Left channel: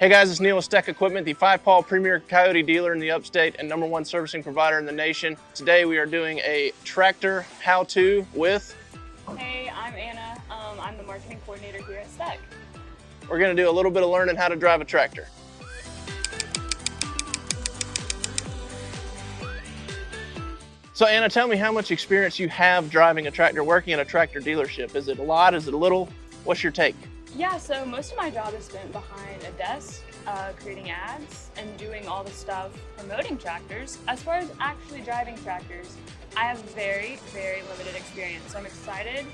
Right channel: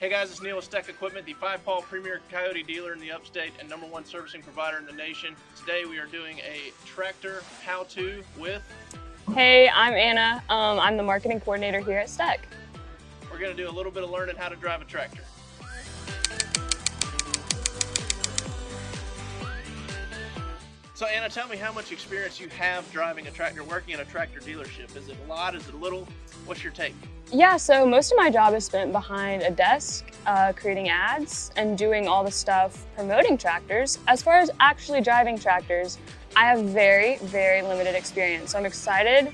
Hey guys, it's Neal with Steck Equipment, the 5-Paw premier Coyote dealer in the upstate and #1 servicing provider in the nation. Today we are doing a tractor how-to with... Hey, I'm Anna. I'm the marketing coordinator here at Steck. We're gonna do a little bit of learning how to drive a tractor. So Anna, tell me how much experience you have driving a tractor, working at a tractor dealership. Is it a lot? Is it a little? What's your take? Yeah, so most of my job is spent behind a desk, creating ads and doing all the stuff promoting tractors. As far as actually driving tractors, I have very, very limited experience. So I'm excited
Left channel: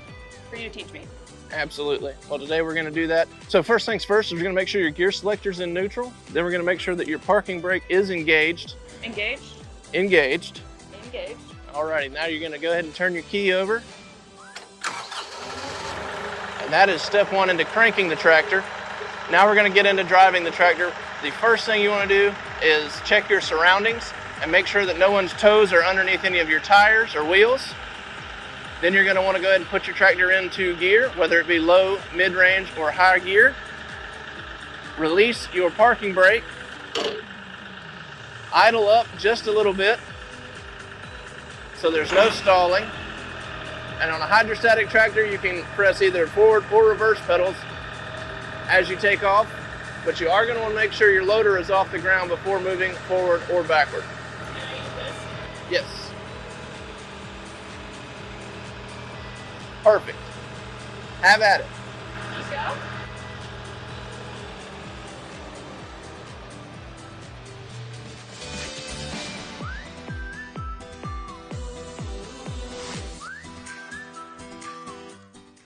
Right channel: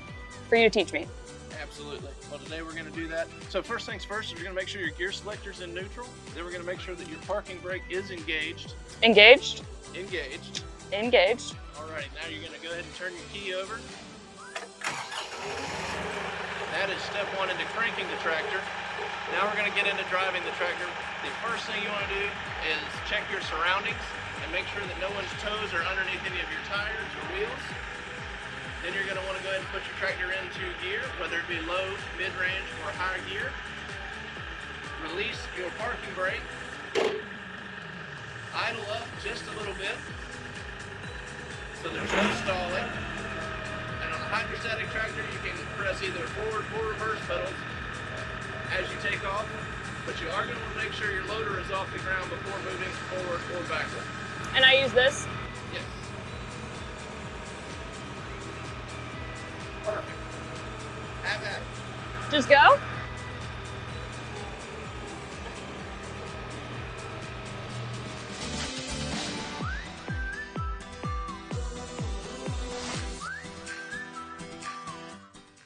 for you to teach me. Absolutely. Well, today we're gonna do that. So first things first, we're gonna make sure your gear selector's in neutral. Then we're gonna make sure that your parking brake is engaged. Engaged? Engaged. Engaged. Alrighty, now you're gonna go ahead and turn your key over. And that is step one into cranking the tractor. Now we're gonna get into driving the tractor. The first thing you wanna do is check your surroundings and make sure that no one's toes are underneath any of your tires or wheels. Then you're gonna wanna go ahead and put your tractor into gear, whether it be low, mid-range, or high gear. Release your parking brake. Idle up just a little bit so there's no stalling. And on a hydrostatic tractor, you can press either forward or reverse pedals as you take off, but you are going to want to make sure your loader is off the ground before moving forward or backward. And I use this? Yes. Perfect. Have at it. Just go?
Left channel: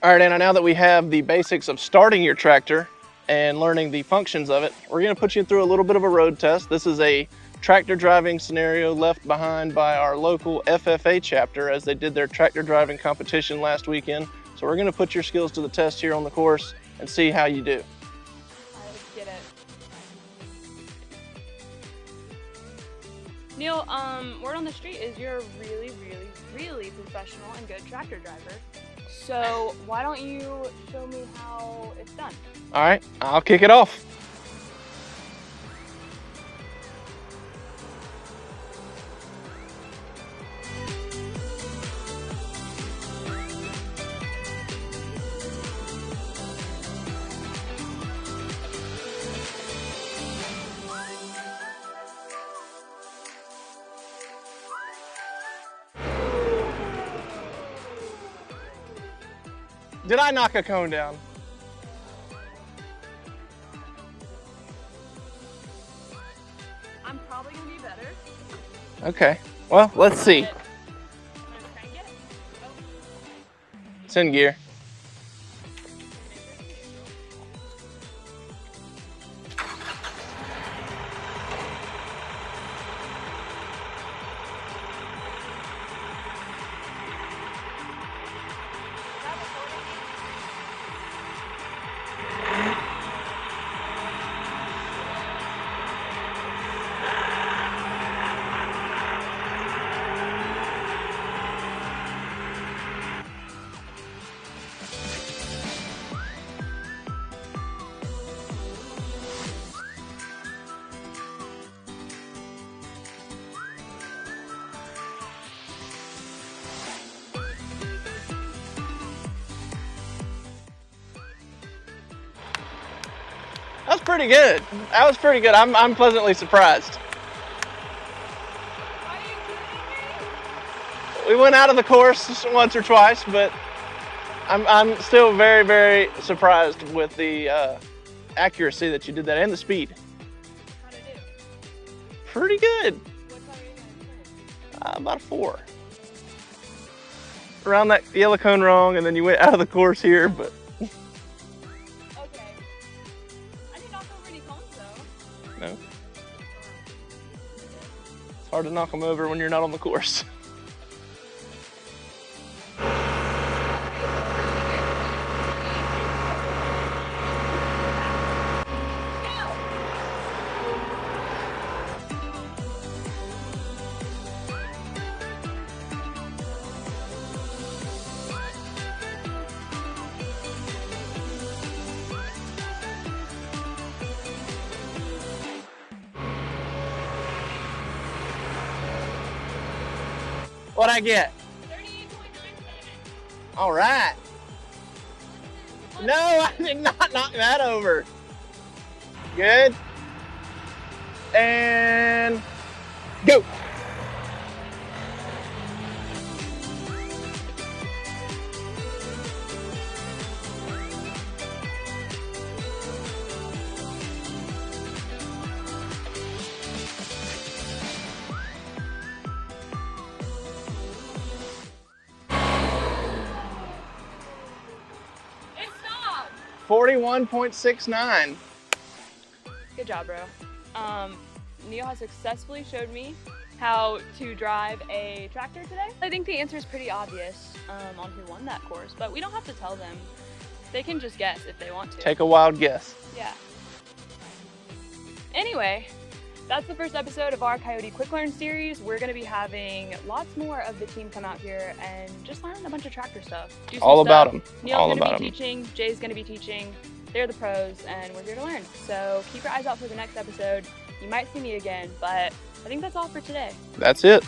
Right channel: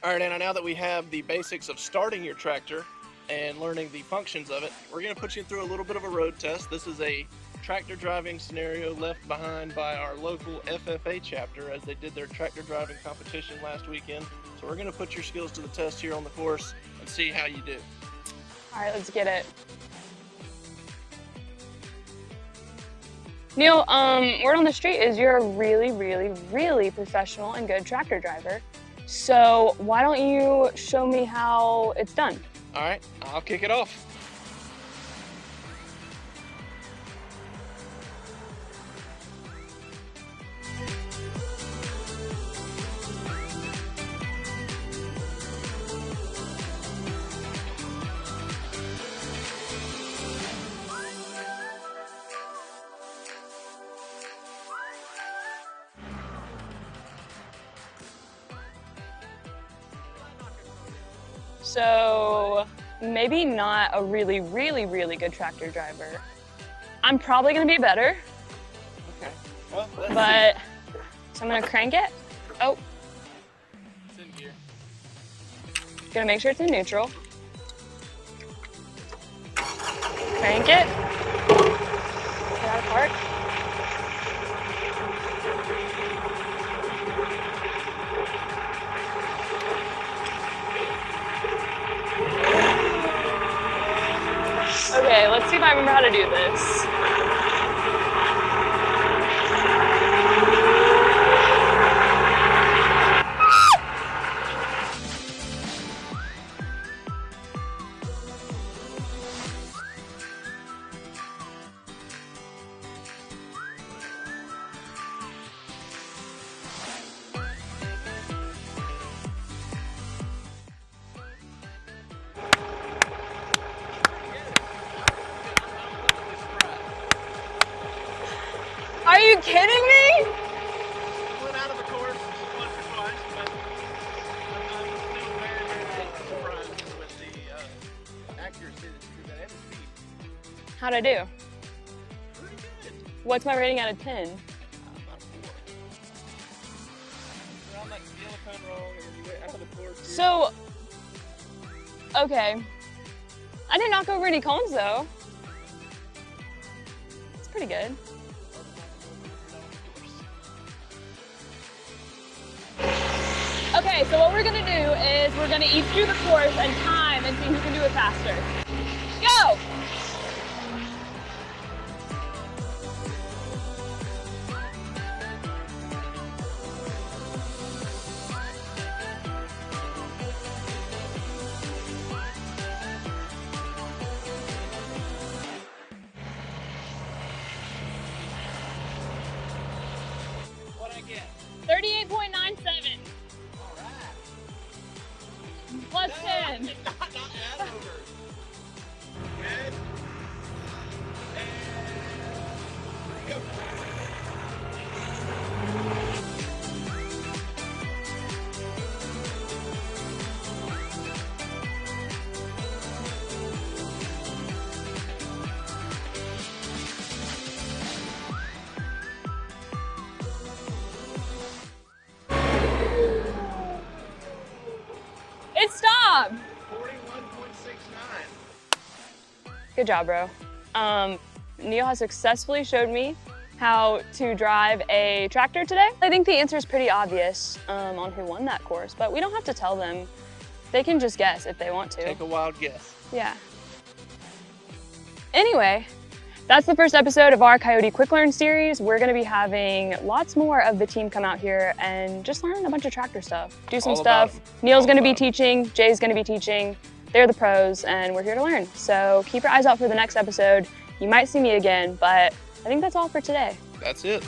All right, Anna, now that we have the basics of starting your tractor and learning the functions of it, we're gonna put you through a little bit of a road test. This is a tractor driving scenario left behind by our local FFA chapter as they did their tractor driving competition last weekend. So we're gonna put your skills to the test here on the course and see how you do. All right, let's get it. Neal, word on the street is you're a really, really, really professional and good tractor driver. So why don't you show me how it's done? All right, I'll kick it off. Did I knock a cone down? So maybe not a really, really, really good tractor driver. I'm probably gonna be better. Okay, well, let's see. So I'm gonna crank it. Oh, It's in gear. gonna make sure it's in neutral. Crank it. Get out of park. Okay, let's see if I remember how to do this. That's pretty good. That was pretty good. I'm pleasantly surprised. Are you kidding me? We went out of the course once or twice, but I'm still very, very surprised with the accuracy that you did that and the speed. How'd I do? Pretty good. What's my rating out of 10? About a 4. Around that yellow cone wrong, and then you went out of the course here. So, okay. I didn't knock over any cones though. No. It's pretty good. It's hard to knock them over when you're not on the course. Okay, so what we're gonna do is we're gonna each do the course and time and see who can do it faster. Go! What'd I get? 38.97. All right. Plus No, I 10. did not knock that over. Good. And go. It stopped. 41.69. Good job, bro. Neal has successfully showed me how to drive a tractor today. I think the answer is pretty obvious on who won that course, but we don't have to tell them. They can just guess if they want to. Take a wild guess. Yeah. Anyway, that's the first episode of our KIOTI QuickLearn series. We're gonna be having lots more of the team come out here and just learn a bunch of tractor stuff. Do some All stuff. about 'em. Neal's All gonna be about 'em. teaching, Jay's gonna be teaching. They're the pros and we're here to learn. So keep your eyes out for the next episode. You might see me again, but I think that's all for today. That's it.